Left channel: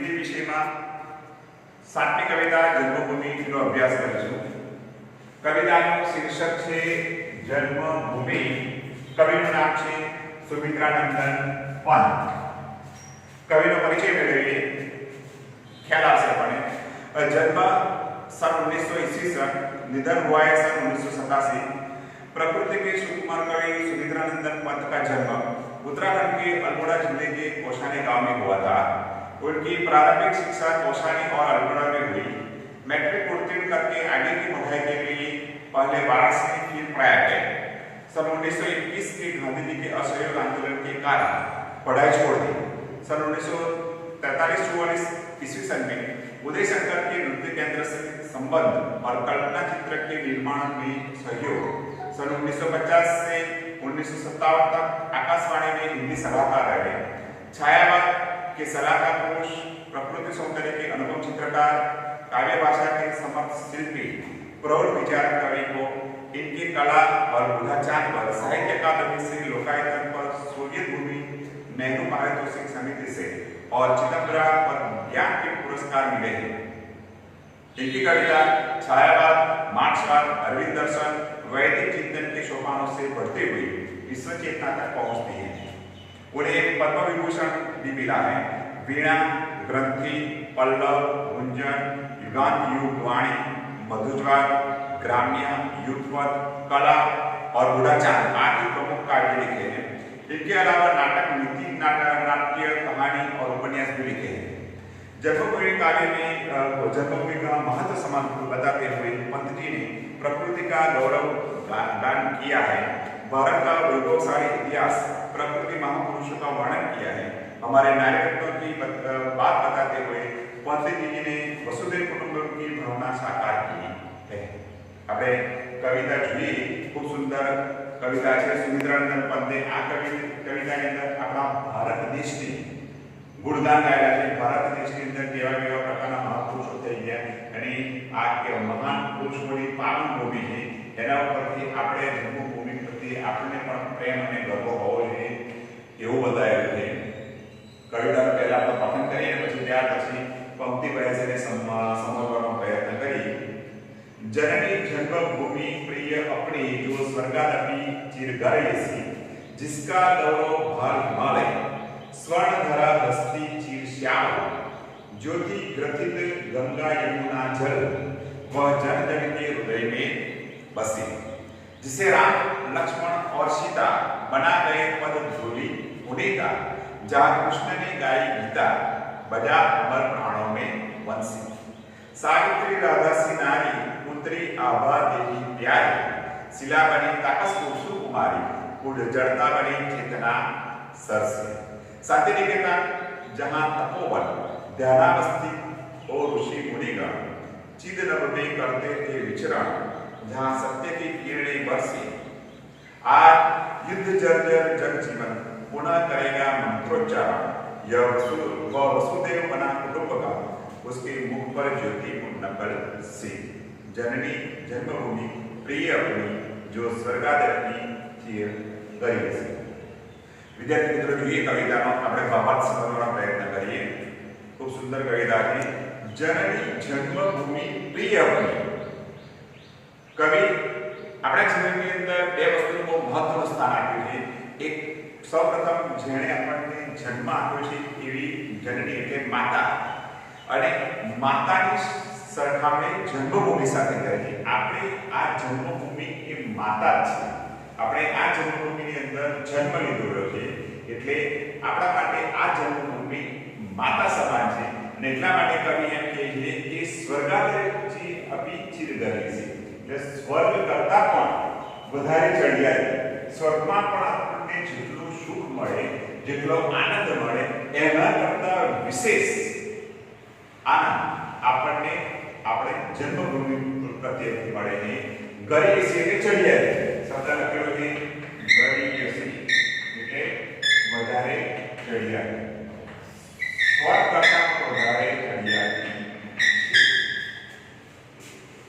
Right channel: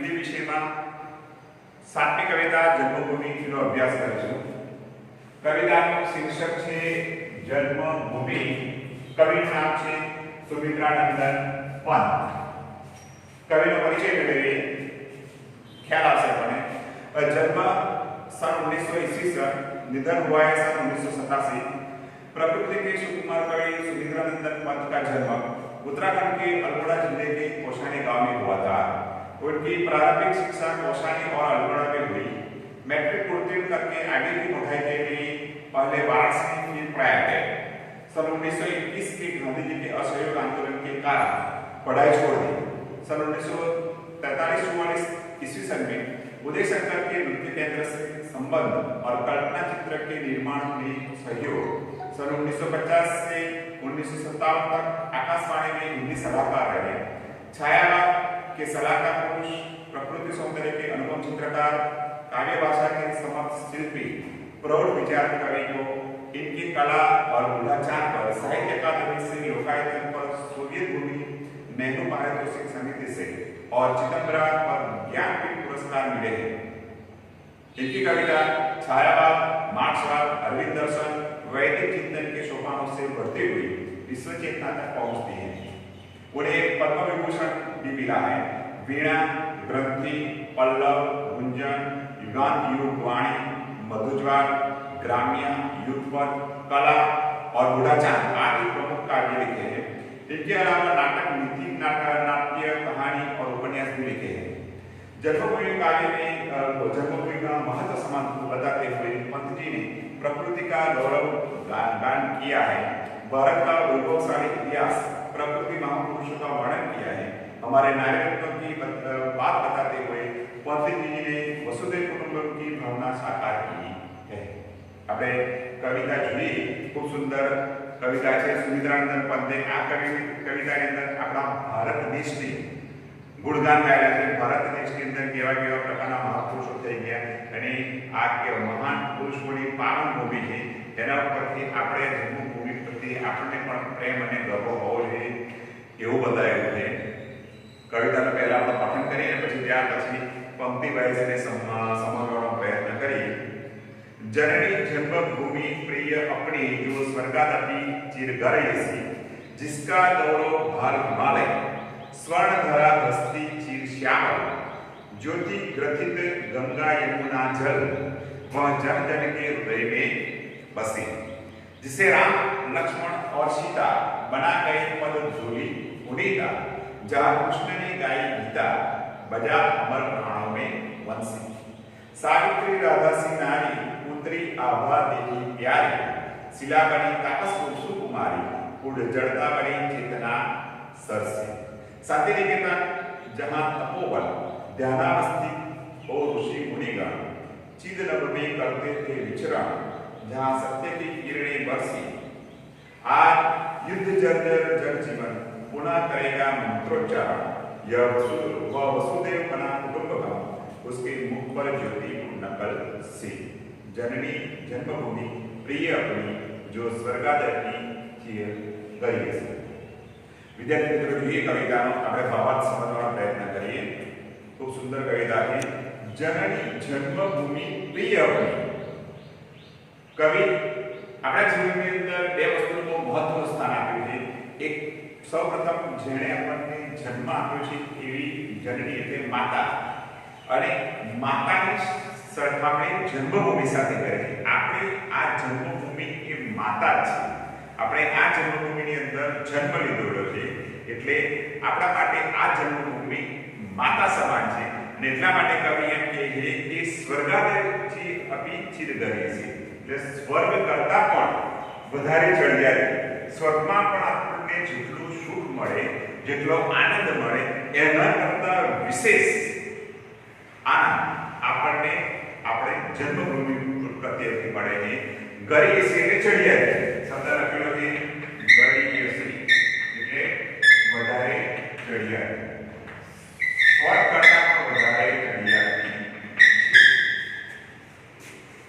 हिंदी विषय में 7મી कविता जन्मभूमि નો अभ्यास કરીશું। कविताનું શીર્ષક છે जन्मभूमि। કવિનું નામ છે સુમિત્રાનંદન પંત। કવિનો પરિચય મેળવીએ, ખ્યાલ આવશે આપણને। जन्म सन 1900 ईस्वी, निधन हुआ है सन 1987। प्रकृति के सुकुमार कवि सुमित्रानंदन पंत का जन्म उत्तराखंड के अल्मोड़ा जिले के कोशानी गांव में हुआ था। उनकी प्रारंभिक शिक्षा कोशानी और अल्मोड़ा में हुई। मैट्रिक उत्तीर्ण करके आगे की पढ़ाई के लिए पहले वाराणसी फिर प्रयाग गए। सन 1921 के गांधी जी के असहयोग आंदोलन के कारण पढ़ाई छोड़ दी। सन 1943-44 ईस्वी सन में उदय शंकर के नृत्य केंद्र से संबंध और कल्पना चित्र के निर्माण में सहयोग। सन 1950 से 1957 तक आकाशवाणी में हिंदी सलाहकार रहे। छायावाद के सलाहकार पुरुष, प्रकृति सौंदर्य के अनुपम चित्रकार, काव्य भाषा के समक्ष शिल्पी, प्रौढ़ विचारक कवि को इनकी कला और बुधाचार पर साहित्य अकादमी से लोकायतन पर सोवियत भूमि, नेहरू पारितोषिक समिति से और चिदंबरा पर ज्ञानपीठ पुरस्कार मिले हैं। इनकी कविता छायावाद, मार्क्सवाद, अरविंद दर्शन, वैदिक चिंतन के सोपानों से बढ़ती हुई विश्व चेतना तक पहुंचती है। उन्हें पद्म विभूषण भी मिला है। वीणा, ग्रंथि, पल्लव, गुंजन, युगांत युग वाणी, मधुज्वाल, ग्राम्य, युगपद, कला और बुढ़ाचार आदि प्रमुख काव्य लिखे हैं। इनके अलावा नाटक, नीति नाट्य, कहानी और उपन्यास भी लिखे हैं। जन्मभूमि काव्य में जन्मभूमि का महत्व समाप्त बताते हुए पंत जी ने प्रकृति का गौरव गान किया है। भारत का वैभवशाली इतिहास, प्रकृति महापुरुषों का वर्णन किया है। हमारे नायकत्व की बात बताते हुए पंत जी ने वसुधैव कुटुंबकम की भावना साकार की है। આપણે કવિતા જોઈએ, ખૂબ સુંદર કવિતા છે। સુમિત્રાનંદન પંતે આ કવિતાની અંદર આપણા ભારત દેશની ગુણગાન ગાયેલા છે। ભારત દેશની અંદર કેવા કેવા પ્રકારના મહાપુરુષો થઈ ગયા અને આ કે મહાન પુરુષોની પાવન ભૂમિ છે, એના ઉપરથી આપણે જન્મભૂમિ પ્રત્યે આપણને પણ પ્રેમ અને ગર્વ હોવો જોઈએ એવું બતાવ્યું છે। કવિતાનો પહેલા આપણે પઠન કરીએ અને પછી ત્યાર પછી પંક્તિ વાઇઝ એને સમજવાનો પ્રયત્ન કરીએ। जननी जन्मभूमि प्रिय अपनी, जो स्वर्गादपि चिरघर ऐसी, जिसका गौरव भार हिमालय, स्वर्ण धरा हस्ती चिर श्यामल, ज्योति ग्रथित गंगा यमुना जल, वह जन जन के हृदय में बसी, जिसे राम लक्ष्मण और सीता बना गए पद धूलि पुनीता, जहाँ कृष्ण ने गाई गीता, बजा अमर प्राणों में वंशी, सावित्री राधा सी नारी, पुत्री आभा देवी प्यारी, शिला बनी तापस सुकुमारी, उड़ जड़ता बनी चेतना सरसे, शांति निकेतन जहाँ तपोवन ध्यानावस्थित हो ऋषि मुनिगण, चिद नभ में करते थे विचरण, जहाँ सत्य की किरणें बरसी। आज युद्ध जर्जर जग जीवन पुनः करेगा मंत्रोच्चारण, यह वसुदेव बना कुटुंबकम, उसके मुख पर ज्योति नकल सी। जननी जन्मभूमि प्रिय अपनी, जो स्वर्गादपि चिरघर ऐसी। विद्यार्थी मित्रों, ये कविताનો આપણે ભાવાર્થ સમજવાનો પ્રયત્ન કરીએ। ખૂબ સુંદર કવિતા છે। जननी जन्मभूमि प्रिय अपनी। કવિ આપણા જીવનની અંદર બે વસ્તુનું બહુ મહત્વનું સ્થાન આપ્યું છે। એક સૌપ્રથમ જેણે આપણને જન્મ આપ્યો છે એવી જનની એટલે માતા, અને માતાની સરખામણી જન્મભૂમિ સાથે કરે છે। આપણે આ જન્મભૂમિ એ માતા જ છે। આપણે આ જન્મભૂમિની અંદર જન્મ લીધેલો છે એટલે આપણા માટે આ જન્મભૂમિ માતા સમાન છે। અને એટલા માટે કવિ એમ કહે છે કે સ્વર્ગાદપि चिरघर ऐसी, એટલે સ્વર્ગ કરતા પણ વધારે ચડિયાતી। સ્વર્ગમાં પણ આપણને જેટલું સુખ મળે, જેટલો આનંદ મળે, એના કરતા વિશેષ આનંદ આપણને આપણે જન્મભૂમિ પ્રત્યેથી મળે છે। ગરી એસી એટલે ચડિયાતી, શબ્દ લખેલો છે ગરી એસી એટલે વધારે ચડિયાતી, સ્વર્ગ કરતા પણ વધારે ચડિયાતી।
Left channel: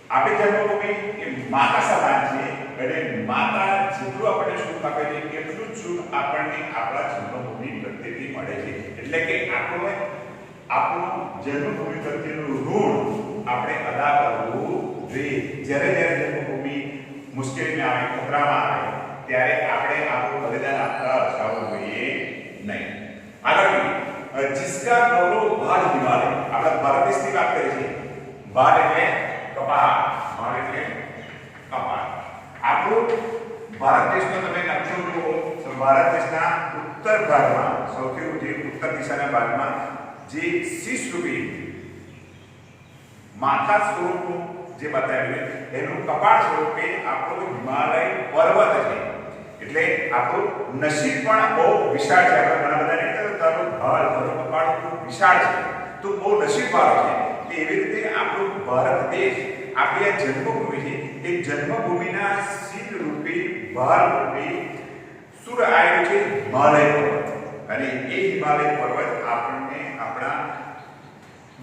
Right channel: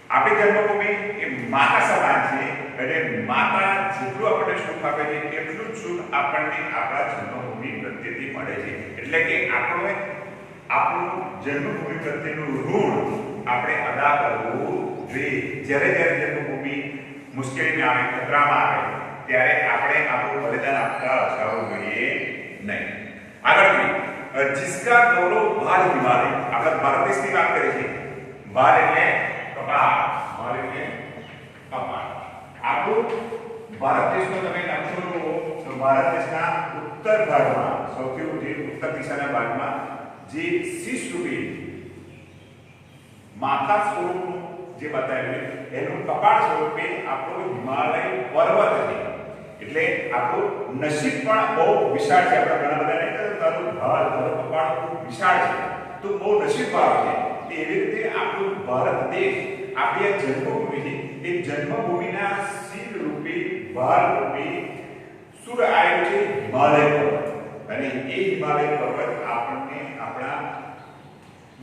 આપણી જન્મભૂમિ એ માતા સમાન છે અને માતા જેટલું આપણને સુખ આપે છે એટલું જ સુખ આપણને આપણા જન્મભૂમિ પ્રત્યેથી મળે છે। એટલે કે આપણું જન્મભૂમિ પ્રત્યેનું ઋણ આપણે અદા કરવું જોઈએ. જ્યારે જ્યારે જન્મભૂમિ મુશ્કેલીમાં આવે, ખતરામાં આવે, ત્યારે આપણે આપણું બલિદાન આપતા અટકાવવું જોઈએ નહીં. આગળ जिसका गौरव भार हिमालय, આપણે ભારત દેશની વાત કરીએ છીએ. ભાર એટલે કપાળ, ભાર એટલે કપાળ. આપણું ભારત દેશનો તમે નકશો જુઓ તો ભારત દેશના ઉત્તર ભાગમાં, સૌથી ઉત્તર દિશાના ભાગમાં જે શીશ રૂપી માથા સ્વરૂપનું જે બતાવ્યું એનું કપાળ સ્વરૂપે આપણો હિમાલય પર્વત છે. એટલે આપણું નસીબ પણ બહુ વિશાળ છે. આપણે ઘણા બધા નહીં તો તારું ભાર તારું કપાળ ખૂબ વિશાળ છે, તો બહુ નસીબવાળો છે. એવી રીતે આપણું ભારત દેશ, આપણી આ જન્મભૂમિ છે, એ જન્મભૂમિના શીલ રૂપી ભાર રૂપી સુર આવેલું છે હિમાલય પર્વત. અને એ હિમાલય પર્વત આપણને આપણા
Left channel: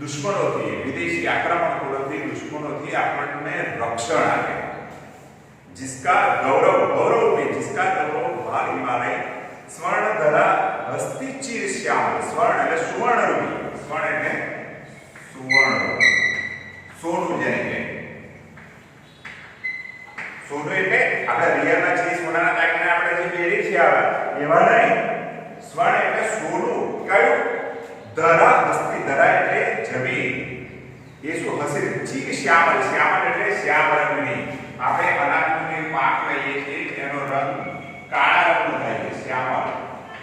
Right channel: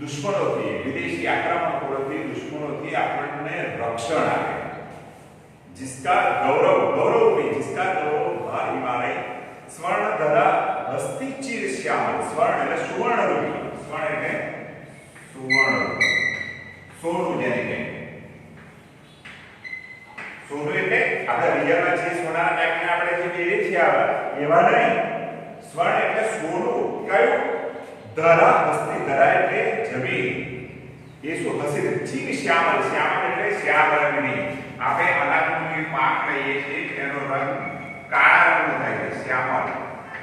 દુશ્મનોથી, વિદેશી આક્રમણખોરોથી, દુશ્મનોથી આપણને રક્ષણ આપે. जिसका गौरव में जिसका गौरव भार हिमालय स्वर्ण धरा हस्ती चीर श्यामल. स्वर्ण એટલે સુવર્ણ રૂપી, स्वर्ण એટલે સુવર્ણ, સોનું જેને કહે. સોનું એટલે આપણે રિયલમાં જે સોનાના ટાઈપના આપણે જે પહેરી છે એવા નહીં. સ્વર્ણ એટલે સોનું. કયું? ધરા હસ્તી, ધરા એટલે જમીન. એ શું હશે? ચીર શ્યામલ, શ્યામલ એટલે શ્યામ રંગની. આપણે અનાજનો પાક લઈએ છીએ એનો રંગ કાળા રંગનો થાય છે, શ્યામલ,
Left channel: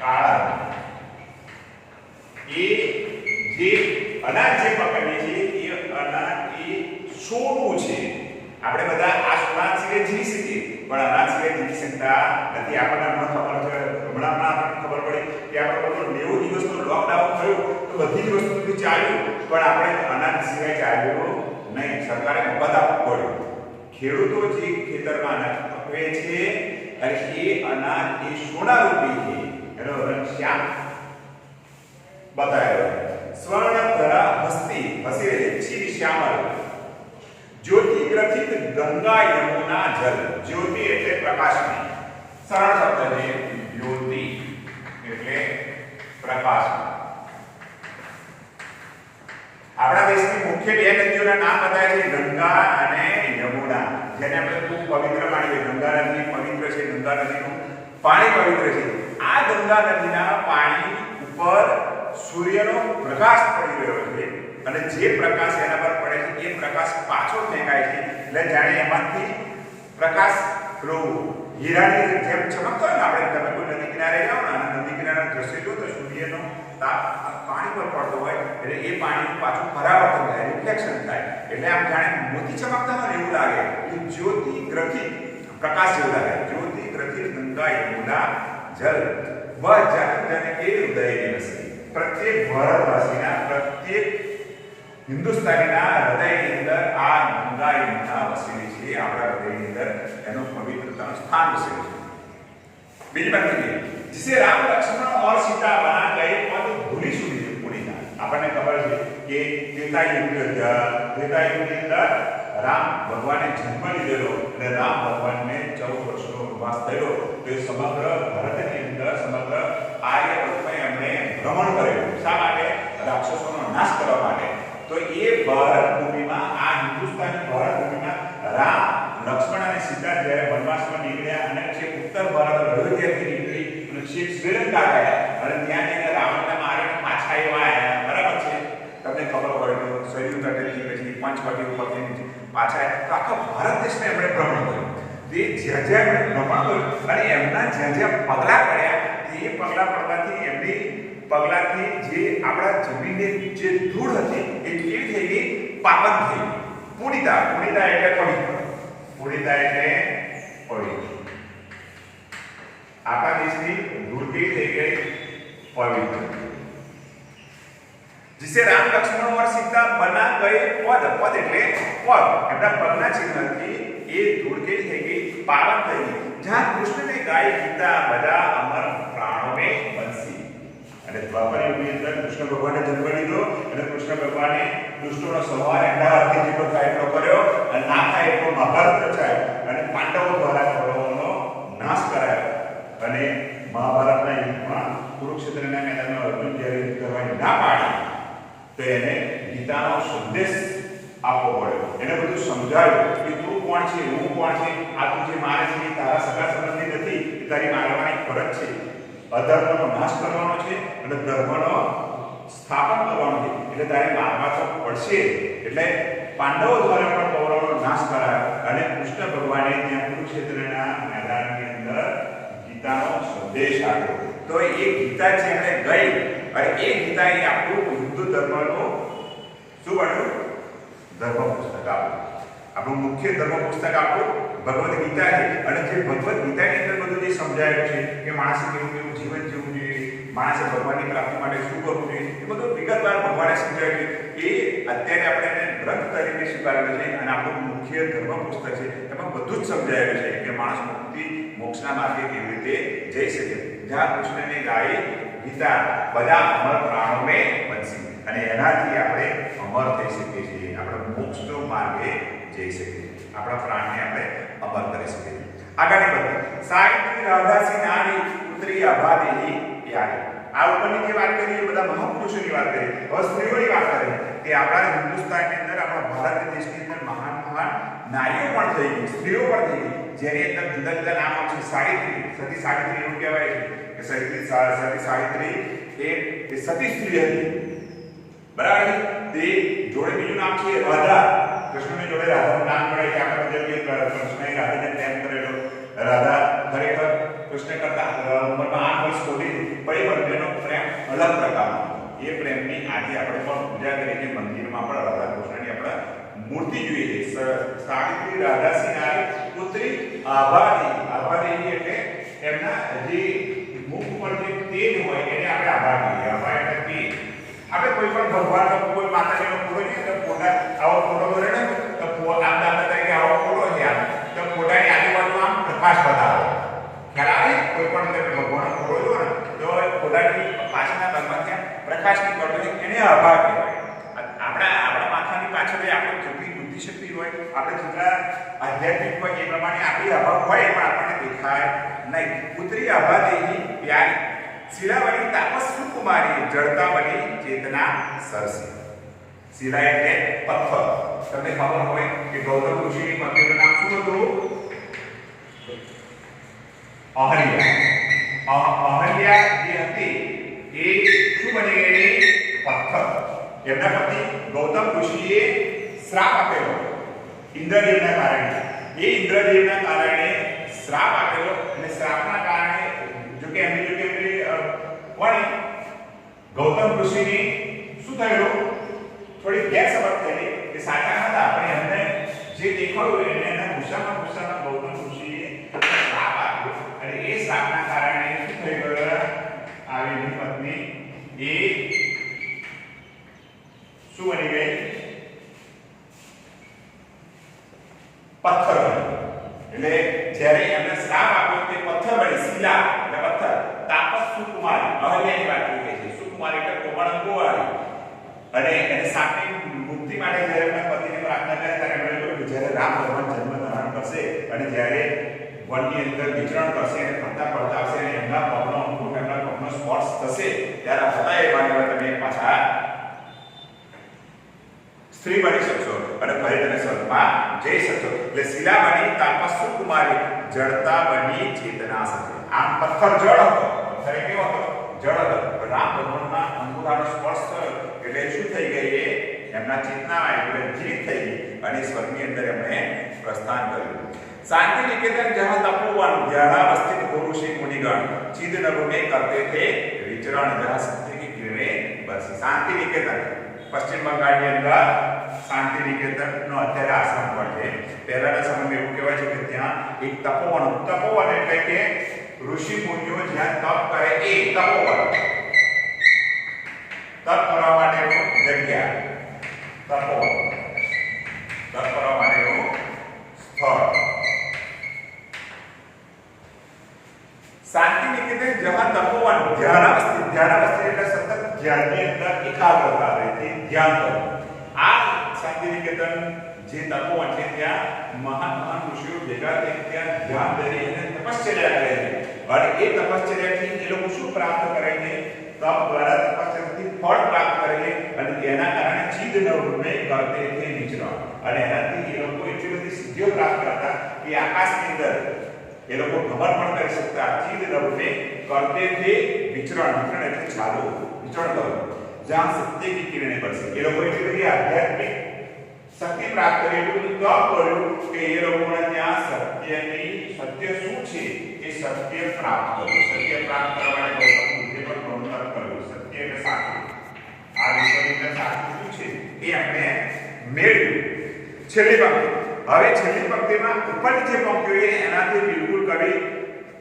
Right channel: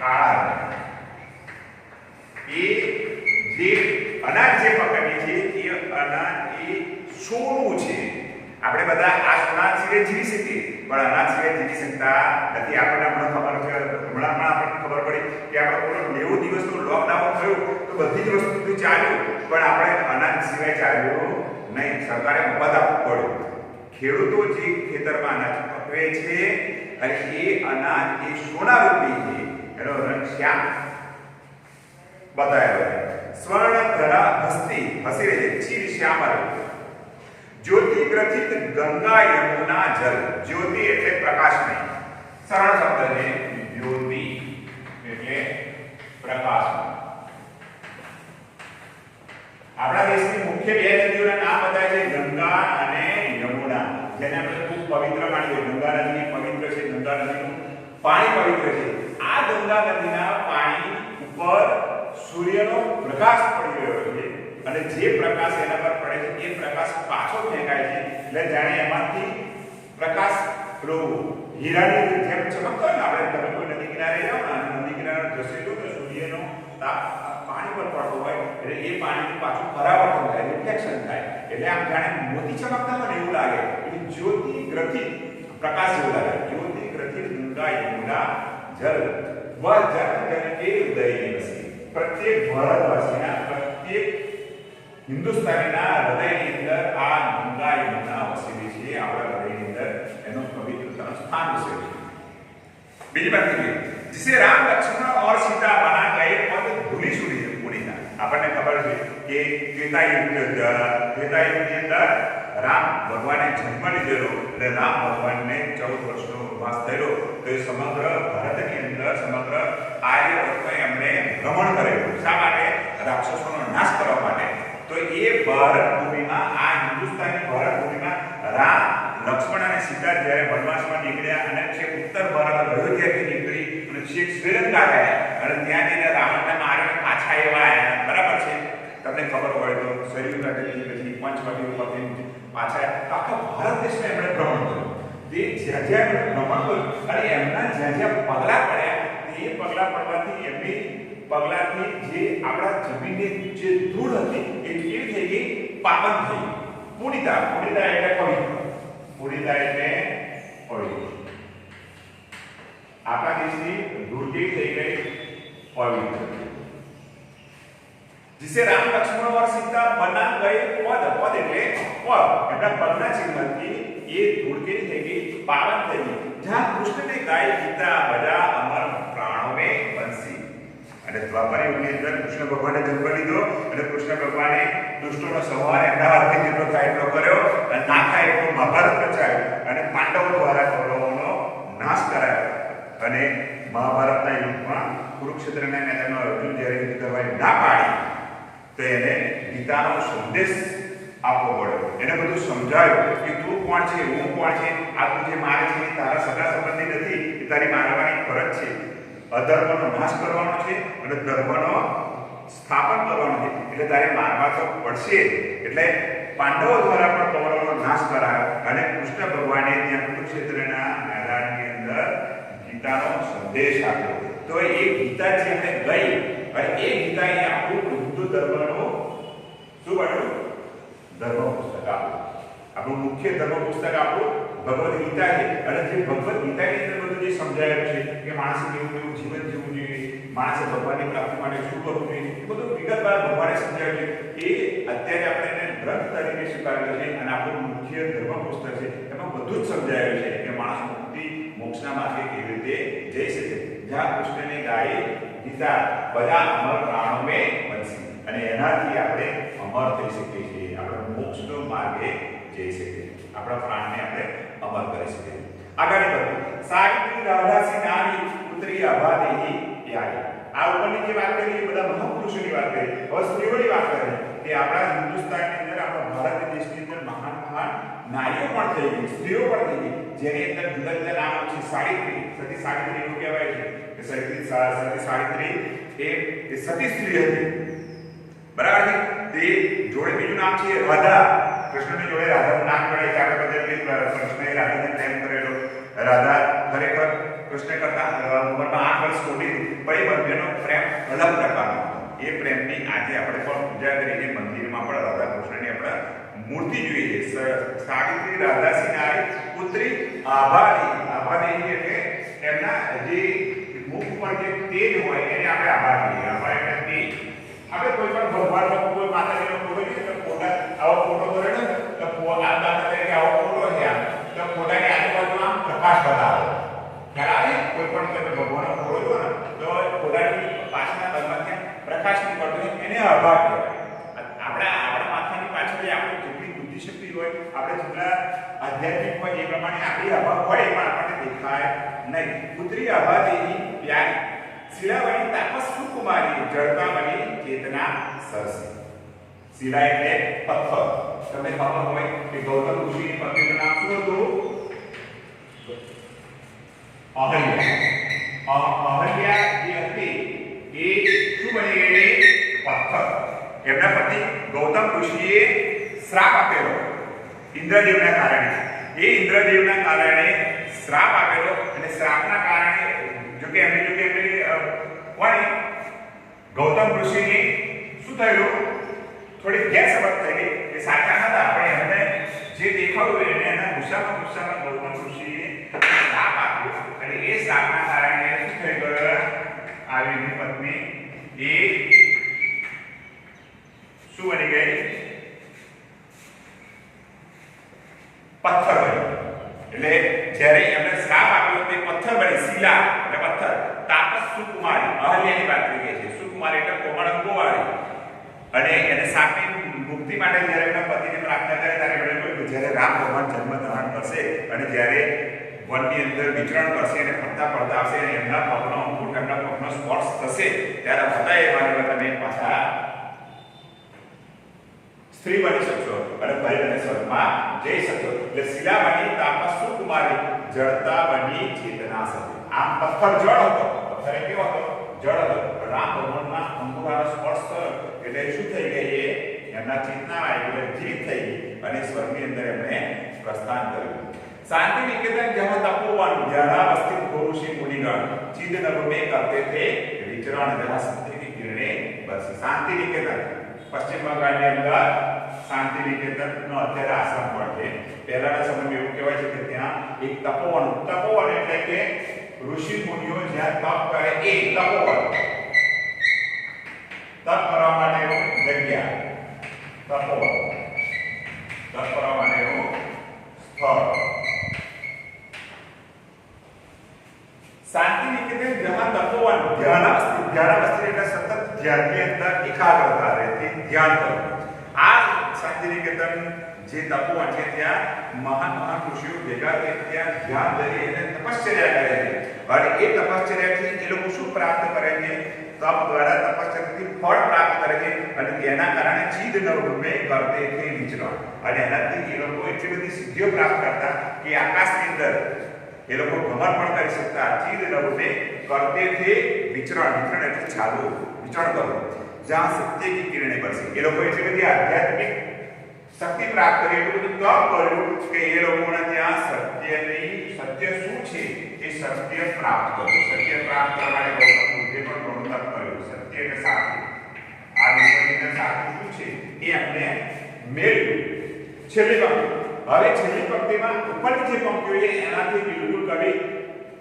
કાળા રંગ. એ જે અનાજ જે પકડીએ છીએ એ અનાજ એ સોનું છે. આપણે બધા આ સોના સિવાય જીવી શકીએ પણ અનાજ સિવાય જીવી શકતા નથી. આપણને હમણાં ખબર છે, હમણાં આપણને ખબર પડી કે આપણે બોલો 90 દિવસનું લોકડાઉન થયું તો બધી જ વસ્તુથી ચાલ્યું, પણ આપણે અનાજ સિવાય ચાલ્યું નહીં. સરકારે મફત આપવું પડ્યું. ખેડૂતો જે ખેતરમાં અનાજ પકવે છે અને એ અનાજ એ સોના રૂપી છે, એનો રંગ શ્યામ બતાવેલો છે. સ્વર્ણ ધરા હસ્તી, હસી રહી છે, ચીર શ્યામલ. જ્યોતિ ગ્રથિત ગંગા યમુના જલ. જ્યોતિ એટલે પ્રકાશ નહીં, સરળ શબ્દ છે. જ્યોતિ એટલે પ્રકાશ. આપણા દેશની મુખ્ય બે નદીઓના નામ બતાવે છે, ગંગા અને યમુના, જેને આપણે ખૂબ પવિત્ર માનીએ. ગંગા નદી પવિત્ર છે, ગંગા નદીનું પાણી પવિત્ર છે. આ ગંગા નદીના પાણી ઉપર સૂર્યનો પ્રકાશ પડી રહ્યો છે અને જે પ્રકાશ એના પર પડે છે એ પ્રકાશ પાછો ફેંકાય છે. એટલે જાણે એમાંથી પ્રકાશ પેલો હીરાની જેમ ચમકતો હોય ને, આપણે તમે કોઈ નદી કિનારે જાઓ ને અને નદી કિનારાનું દ્રશ્ય જો તો સૂર્યનો તાપ પાણી પર પડતો હોય એટલે એ પાણીનું પાછું પરાવર્તન થાય, રિફ્લેક્શન થાય. એટલે આમ જાણે મોતી ચમકતા હોય ને એવું લાગે. એટલે જ્યોતિ ગ્રથિત, પ્રકાશ જેવું લાગે. જ્યોતિ ગ્રથિત ગંગા યમુના જલ વ જન જન કે હૃદય રસી. પ્રત્યેક ભારતવાસીના, પ્રત્યેક હિન્દુસ્તાનીના હૃદયની અંદર આ ગંગા યમુના વસેલી છે. આપણા હૃદયની અંદર એનું પવિત્રતાનું સ્થાન વસેલું છે. બીજી વાત કરીએ, जिसे राम लक्ष्मण और सीता बना गए पद भूली सुनी पुनीता. આપણને ખબર છે કે ત્રેતાયુગની અંદર રામ ભગવાને જન્મ લીધેલો અને રામ ભગવાનને 14 વર્ષનો વાસ થયો તો એ સમગ્ર ભારતની અંદર, સમગ્ર આર્યવર્તને એમણે ભ્રમણ કરેલું. શા માટે? રાક્ષસોનો નાશ કરવા માટે. તો એ ભારત ભૂમિમાં, આ હિન્દુસ્તાની ભારત ભૂમિમાં રામ, લક્ષ્મણ અને સીતા જ્યારે વનવાસમાં નીકળ્યા અને જે ઉત્તર ભારત અયોધ્યાથી નીકળી અને છેક શ્રીલંકા ગયા અને ત્યાં જઈને રાવણને મારીને પાછા એવા આવ્યા. બરાબર છે? તમને ખબર હોય તો સરયુ તટેથી પછી પંચવટી ઉપરથી પાછા આખા ભારત દેશને એમણે ભ્રમણ કર્યું. તે જ્યાં જ્યાં એમણે ભ્રમણ કર્યું અને એમના જ્યાં જ્યાં પગલાં પડ્યા એ પગલાં પડવાથી એમની પગલાંથી જે આપણા જમીનની જે ધૂળ હતી એ કેવી થઈ ગઈ? પાવન થઈ. પુનિતા, પુનિતા એટલે પવિત્ર. પુનિતા એટલે પવિત્ર. આપણા દેશની ધૂળ કેવી થઈ ગઈ? પવિત્ર. जिसे राम लक्ष्मण और सीता बना गए पद. पद એટલે પગ. એમના પગના ચિહ્નથી એ ધૂળ કેવી થઈ ગઈ? પાવન થઈ ગઈ. જ્યાં કૃષ્ણને ગાય ગીતા બધા અમર પ્રાણો में बंसी. અને દ્વાપર યુગની અંદર કૃષ્ણ ભગવાને જન્મ લીધો અને કૃષ્ણ ભગવાને દુષ્ટોનો સંહાર એમના હાથથી જેટલો થાય એટલો કર્યો અને ના થાય એટલો મહાભારત રચાયો અને પાંડવો દ્વારા કૌરવોનો નાશ કરાયો. અને મહાભારતના યુદ્ધમાં કુરુક્ષેત્રના મેદાનમાં અર્જુન જ્યારે યુદ્ધ કરવાની ના પાડી તો એને ગીતાનો સંદેશ આપવો પડ્યો, એને બધું સમજાવ્યું કે તું કોણ છે, હું કોણ છે, આ તું જે મારે છે એ તારા સગા સંબંધી નથી, એ તારી મારવાની ફરજ છે, અધર્મનો નાશ કરવાનો છે અને ધર્મનો સ્થાપન કરવાનો છે, એટલે તારે મારવા તો પડશે. એટલે પાંડવો દ્વારા પણ કૌરવોનો નાશ કરાયો અને કૃષ્ણ ભગવાને ત્યાં કુરુક્ષેત્રના મેદાનની અંદર ગીતાનો સંદેશ આપ્યો. તો એ ગીતા જેને ગઈ અને એ ગીતા એ આપણું હિન્દુ ધર્મનું શું બન્યું? ધર્મ પુસ્તક આપણું મુખ્ય ધર્મ પુસ્તક આપણું ભગવદ્ ગીતા છે. અને જે ભગવદ્ ગીતાની અંદર બધું જે સમજાયેલું છે કે માણસે કેવું કેવું જીવન જીવવું જોઈએ, માણસે ભગવાનની પ્રાપ્તિ માટે શું કરવું જોઈએ, એ બધું વિગતવાર ભગવાને સમજાવ્યું. એ અત્યારે આપણે એને ગ્રંથ તરીકે સ્વીકારેલું છે અને આપણું મુખ્ય ધર્મ પુસ્તક છે. એમાં બધું જ સમજાયેલું છે કે માણસ મુક્તિ મોક્ષના માર્ગે કેવી રીતે જઈ શકે. જ્યાં કૃષ્ણને ગાય ગીતા બધા અમર પ્રાણો મેં બનશે અને એનાથી આપણે અમર થઈ શકીએ છીએ, આપણે મોક્ષનો માર્ગે જઈ શકીએ, આપણા પ્રાણને આપણે અમર કરી શકીએ છીએ. આગળની વાત સાવિત્રી રાધાસી નારી પુત્રી અભાદેહી યારી. આ ઉપરની જે વાત કરી એ બધા મહાપુરુષોની વાત કરી. હવે સ્ત્રીઓની વાત કરી કે આપણા હિન્દુસ્તાનની અંદર, આપણા ભારત દેશની અંદર મહાન મહાન નારીઓ પણ થઈ ગઈ, સ્ત્રીઓ પણ થઈ ગઈ, જેની અંદર જુદા જુદા નામ છે. સાવિત્રી, સતી સાવિત્રી એવું કહેવાય છે કે સતી સાવિત્રી એ સતી સ્ત્રી હતી, બરાબર છે. તે જોડે બીજું નામ છે રાધા, કૃષ્ણની જોડે રાધાનું નામ જોડાય છે. આપણે બધા કૃષ્ણએ રાધાને પ્રેમ કરેલો. રાધા ખરેખર કૃષ્ણ કરતા ઉંમરમાં 8 વર્ષ મોટી હતી, પણ એ બંનેનો પ્રેમ અલગ પ્રકારનો હતો. એ પ્રેમની આજે આપણે પણ પૂજા કરીએ છીએ, મંદિરમાં પણ રાધા કૃષ્ણની આપણે મૂર્તિ જોઈએ છે. સાવિત્રી રાધાસી નારી પુત્રી આભાદેહી. આભાદેહી એટલે એમના જે મુખ પર જે તેજ હોય એને આપણે આભા કહીએ. આભા એટલે તેજ. આપણે કોઈ પણ ભગવાનનો કોઈ માતાજીનો ફોટો જોઈએ તો ફોટા આવો ફોટો કરે ને તો આ દાખલા તરીકે આવો ફોટો છે, આમ તો ફોટાની આજુબાજુ આમ પ્રકાશ બતાવે. ખ્યાલ આવે? કોઈ પણ તમે ભગવાનનો ફોટો જો ને તો ફોટાની પાછળના ભાગમાં પ્રકાશ નીકળતો હોય એને આભા કહેવાય. આપણા માથાની પાછળ આપણે જેટલી બુદ્ધિશક્તિ હોય, આપણે જેટલા આધ્યાત્મિક હોય એ પ્રમાણે આપણી આભા હોય પણ આપણને દેખાય નહીં. પુત્રી આભાદેહી પ્યારી શિલાવણી તાપસ સુકુમારી જળતા બની ચેતના સરસી. શિલા એટલે પથ્થર. તમને ખબર હોય કે ગૌતમ ઋષિની પત્નીનું નામ શું હતું? અહલ્યા. અહલ્યા જે હતી એ શું બની ગયેલી? પથ્થર. એમના પતિ ગૌતમ ઋષિએ શ્રાપ આપેલો ઇન્દ્રદેવના કારણે. એ ઇન્દ્રદેવના કારણે શ્રાપ આપેલો અને શ્રાપના કારણે જો કે એમની વાણી ગૌતમ ઋષિની શું થયેલું? થોડી ગેરસમજ થયેલી કે સાચા હતા, પણ એમને જે દેખાયું એને એના ગુસ્સામાં ગૌતમ ઋષિએ શ્રાપ આપ્યો અને એ શ્રાપના કારણે શું થઈ ગયું? આવી પત્ની એ શું બની ગઈ? પથ્થર બની. એટલે જ્યારે એમને શ્રાપ આપ્યો તે પથ્થર બની. શિલા એટલે પથ્થર. તાપસ સુકુમારી, અહલ્યાની વાત કરી છે. સુકુમારી એટલે કોમળ અંગોવાળી. અને એને સાપની મુક્તિ માટે જ્યારે એમના પતિને પ્રાર્થના કરી ત્યારે એમણે કહ્યું કે જ્યારે રામ ભગવાન જન્મ ધારણ કરશે અને જ્યારે વનની અંદર વિચરણ કરશે અને ફરતા ફરતા આવશે અને એમના પગનો અંગૂઠ, એમના પગનો સ્પર્શ થશે ત્યારે હતા એ માનવા તમે પાછા સ્ત્રી બની શકશો અને ફરી તમે સ્વર્ગમાં જઈ શકશો. એટલે શિલા બની તાપસ સુકુમારી જળતા બની ચેતના સરસી. આમ પથ્થર જળ હતો, પથ્થર કેવો હતો? જળ હતો. રામ ભગવાનના અંગૂઠાનો સ્પર્શ થયો એટલે શું થઈ ગઈ? એમના ચેતના આવી જીવિત થઈ ગઈ અને સ્વર્ગની અંદર એમણે પ્રસ્થાન કર્યું. शांति निकेतन जहां तपोवन जहां अवस्थित ऋषि मुनिगण चिद नभ में करते थे विचरण जहां सत्य की किरणें बरसी. शांति निकेतन पश्चिम बंगाल ની અંદર શાંતિ નિકેતન નો અત્યારે આશ્રમ પણ છે. પહેલાના સમયમાં એવું કહેવાય છે કે ત્યાં એક તપોવન એટલે કે ઋષિ મુનિઓ જ્યાં તપ કરે એ તપોવન. તપ કરવા માટેનું જગ્યા તપોવન, તપ કરવા માટેનું સ્થળ. शांति निकेतन जहां तपोवन ध्यानावस्थित એટલે સતત ધ્યાનની અંદર એકાગ્રતા રહેતી, ધ્યાન કરવું. આ શાંતિ નિકેતન જે તપોવન છે ત્યાં મહાન ઋષિઓ ભેગા થઈને ત્યાં ધ્યાન ધરી અને તપશ્ચર્યા કરે છે. અને એ તપશ્ચર્યાથી એ લોકો શું પ્રાપ્ત કરે છે? तप द्वारा तपस्याથી ફળ પ્રાપ્ત કરેંગે અને તેના કારણે ચીદ ન ઉડમે કરતે थे વિચરણ અને એનાથી એ લોકો એટલી બધી સિદ્ધિઓ પ્રાપ્ત કરતા કે આકાશની અંદર એ લોકો ભ્રમણ પણ કરી શકતા ચીદ ન ઉડમે કરતે थे વિચરણ વિચરણ એટલે ચાલવું વિચરણ કરવું જ્યાં સત્ય की કિરણે પડશે એ લોકો એટલી બધી આધ્યાત્મિક શક્તિ પ્રાપ્ત કરી એટલું બધું તપ કર્યું કે એ લોકોને ત્યાં સત્ય શું છે એ સત્ય પ્રાપ્ત કર્યું સત્ય પ્રાપ્ત કરવા માટે ગૌતમ બુદ્ધે પણ ઘણું તપ કર્યું સત્ય એટલે સાચું આ વિશ્વની અંદર સાચું શું છે એ આપણે મેળવ્યું છેલ્લી પંક્તિ હવે છેલ્લી પંક્તિમાં ઉપરની જે પંક્તિઓ છે એનાથી બિલકુલ કવિ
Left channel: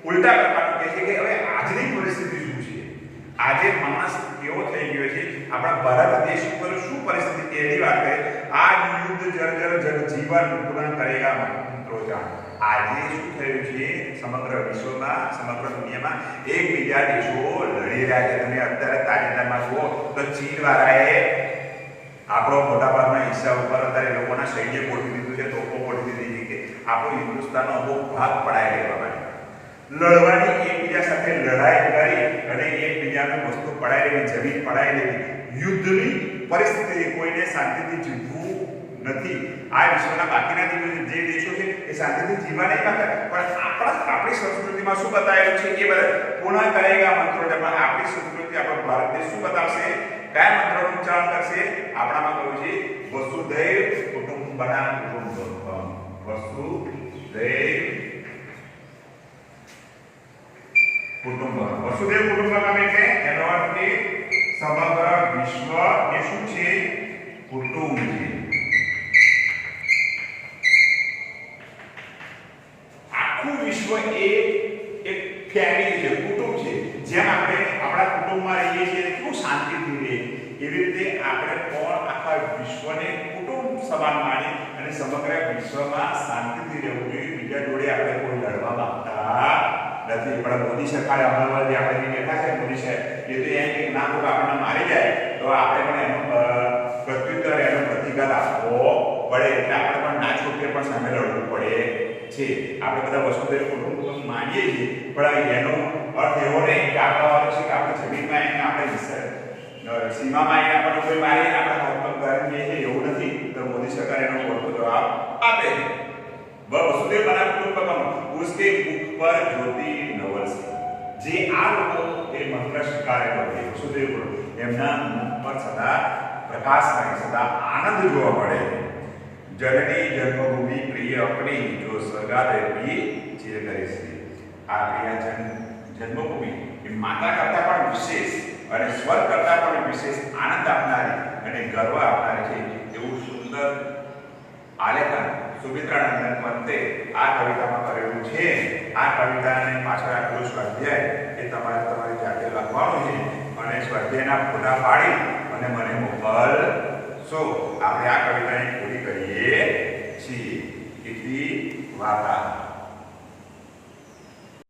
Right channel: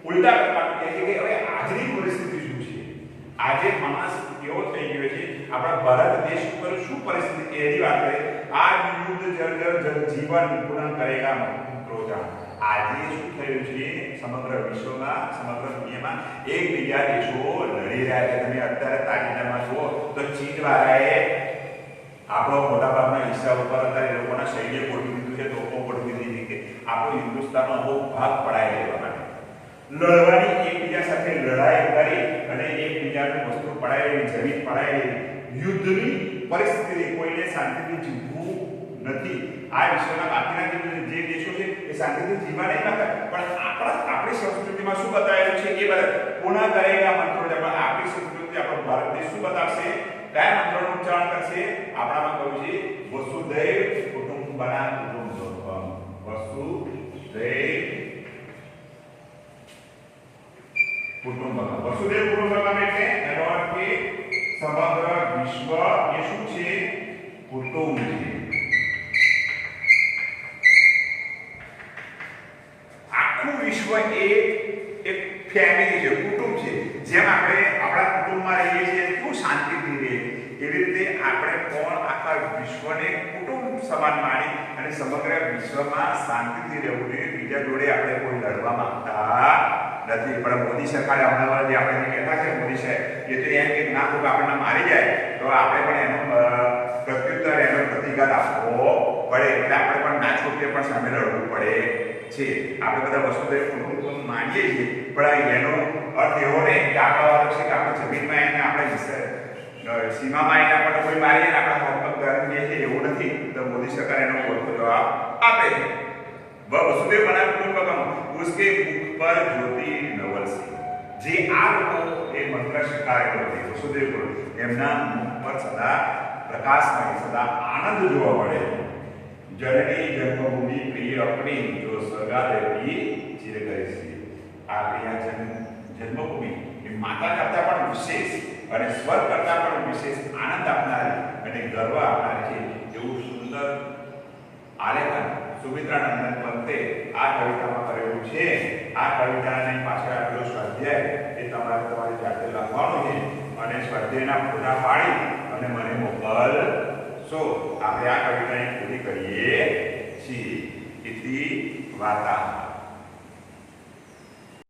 ઉલટા પ્રકારનું કહે છે કે હવે આજની પરિસ્થિતિ શું છે આજે માણસ કેવો થઈ ગયો છે આપણા ભારત દેશ ઉપર શું પરિસ્થિતિ કે એની વાત કરે આ યુદ્ધ જર્જર જગજીવન પૂર્ણ કરેગા મંત્રો જાણ આજે શું થયું છે સમગ્ર વિશ્વમાં સમગ્ર દુનિયામાં એકબીજા દેશો લડી રહ્યા છે તમે અત્યારે તાજેતરમાં જુઓ તો ચીન વાળાએ આપણો મોટાભાગના હિસ્સા ઉપર અત્યારે લોકોના સૈન્ય ગોઠવી દીધું છે તોપો ગોઠવી દીધી કે આપણો હિન્દુસ્તાનનો અમુક ભાગ પડાઈ લેવા માટે લડવાની એકબીજા સાથે લડાઈ કરી અને એકબીજાને વસ્તુ પડાઈ લેવી જમીન પડાઈ લેવી યુદ્ધની પરિસ્થિતિ કોઈને શાંતિથી જીવવું નથી આ વિશ્વના બાકીના જે દેશો છે એ શાંતિથી જીવવા નહીં માંગતા પણ આપણી સંસ્કૃતિમાં શું બતાવેલું છે એ બધા પૂર્ણ કરેગા મંત્રો પણ આપણી સંસ્કૃતિ આપણો ભારત દેશ શું બતાવશે કયા મંત્રોનું ઉચ્ચારણ કરશે આપણામાં કહ્યું છે વસુધૈવ કુટુંબકમ વસુધૈવ કુટુંબકમ એટલે એનો અર્થ કે સમગ્ર વિશ્વ એ શું છે કુટુંબ છે આખું વિશ્વ એ એક ફેમિલી છે કુટુંબ છે જેમ આપણે આપણા કુટુંબમાં રહીએ છીએ કેવું શાંતિથી રહીએ એવી રીતે આપણે પણ આખા વિશ્વને કુટુંબ સમાન માની અને સમગ્ર વિશ્વમાં શાંતિથી રહેવું જોઈએ બીજા જોડે આપણે કોઈ લડવા માંગતા નથી પણ મોદી સરકારે હમણાં જે આપણે જે બેઠા છે મોદી સાહેબ એ તો એમ કે ના કોઈ આપણને મારી જાય તો આપણે પણ એનો પ્રત્યુત્તર એનો પ્રતિઘાત આપવો પડે એટલે આપણે પણ ના છૂટકે પણ સામે લડવું પડે છે આપણે બધા વસુધૈવ કુટુંબકમ માનીએ છીએ પણ એનો અર્થ એવો નહીં કે આપણા વાળો છે કે આપણે જમીનમાં આવીને આપણે સીમામાં આવીને આપણને કોઈ મારીએ ને આપણા હાથ પગ ગાળી દે છે એવું નથી તો મોદી સરકાર એનો ખોટો જવાબ આપે વસુધૈવ બના કુટુંબકમ उसके मुख पर ज्योति नवलसी જે આ લોકો એ મંત્ર સ્વીકાર કરે વસુધૈવ કુટુંબકમ એમના મુખ પર સદા પ્રકાશમય સદા આનંદ જોવા મળે जननी जन्मभूमि प्रिय अपनी जो स्वर्गाद की चिर करे છે આપણી આ જન્મભૂમિ એ માતા કરતા પણ વિશેષ અને સ્વર્ગ કરતા પણ વિશેષ આનંદ આપનારી અને ગર્વ આપનારી છે એવું સુંદર આલેખન સુમિત્રાનંદન પંતે આ કવિતામાં કરેલું છે આ કવિતાની પાછળ આપેલો સ્વાધ્યાય એ તમારી જાતે લખવાનું છે અને સ્વાધ્યાયના ફોટા પાડી અને મને મોકલશો આપણે આ કવિતાને પૂરી કરીએ છીએ ઇતિ વાર્તા